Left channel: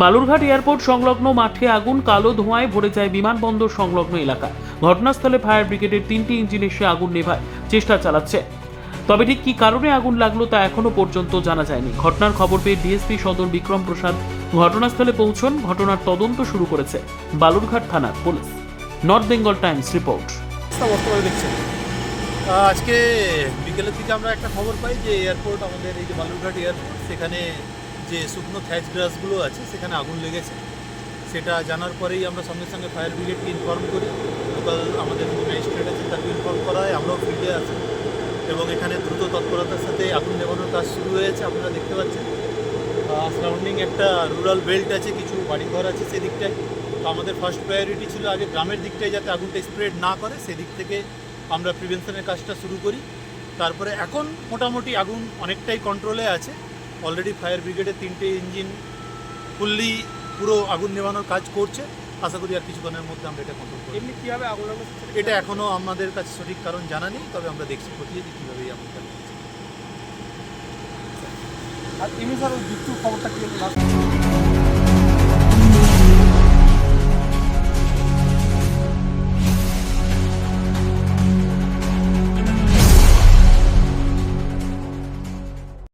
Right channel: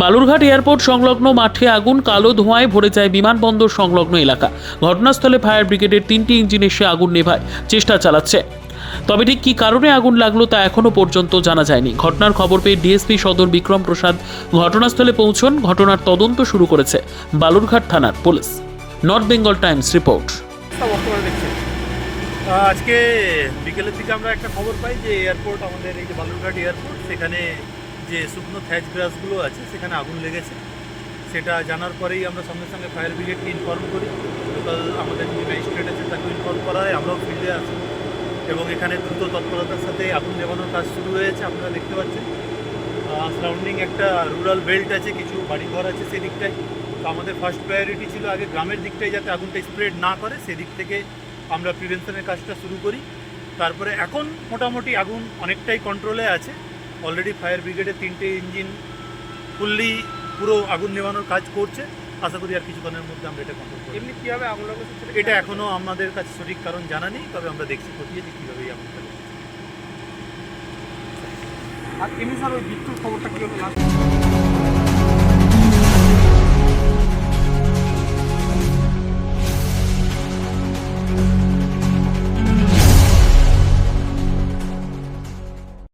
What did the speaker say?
Balurghat airport সংলগ্ন মাঠে আগুন কালো ধোঁয়ায় ভরে যায় বিমানবন্দর সংলগ্ন এলাকা। ঘটনাস্থলে ফায়ার ব্রিগেডের তিনটি ইঞ্জিন এসে আগুন নেভায়, চেষ্টা চালাচ্ছে। তবে ঠিক কী কারণে আগুন লাগল তা এখনও পর্যন্ত জানা যায়নি। ঘটনার খবর পেয়ে ডিএসপি সদর বিক্রম প্রসাদ ঘটনাস্থলে পৌঁছন। ঘটনার তদন্ত শুরু করেছে বালুরঘাট থানার police. North Bengal Times report. আজকে বিকেলের দিকে আমরা একটা খবর পাই যে এয়ারপোর্ট, আমাদের এই যে বালুরঘাট এয়ারপোর্ট, সেখানে যে শুকনো থ্যাচ গ্রাসগুলো আছে, সেখানে আগুন লেগেছে। সেটা জানার পরেই আমরা সঙ্গে সঙ্গে ফায়ার ব্রিগেডকে ইনফর্ম করি। লোকাল আমাদের যিনি ম্যাজিস্ট্রেট আছে তাকে ইনফর্ম করা হয়। আমরাও ফিল্ডে আছি। এবং এখানে দ্রুত তৎপরতার সাথে আগুন নেভানোর কাজ শুরু হয়েছে, আপনারা দেখতে পাচ্ছেন। সারাউন্ডিং একটা রুরাল বেল্ট আছে, কিছু বাড়িঘর আছে সেদিকটায়। তো আমাদের ফার্স্ট প্রায়োরিটি ছিল আগে গ্রামের দিকটায় যাতে আগুনটা স্প্রেড না করে, সেদিক থেকে আমরা প্রিভেনশনের কাজটা শুরু করি। তারপরে এখন মোটামুটি আগুন অনেকটাই কন্ট্রোলে আছে। অলরেডি ফায়ার ব্রিগেডের তিনটে ইঞ্জিন ফুললি পুরো আগুন নেভানোর কাজ করছে। আশা করি আর কিছুক্ষণের মধ্যে আমরা এটা কন্ট্রোল করি এমনি কীভাবে আগুন এটা এখনও আমাদের কাছে সঠিক কারণ জানা নেই তবে আমরা দেখছি খতিয়ে যে কীভাবে এই আগুনটা লেগেছে আর এমনি স্যার বিদ্যুৎ খবরটা?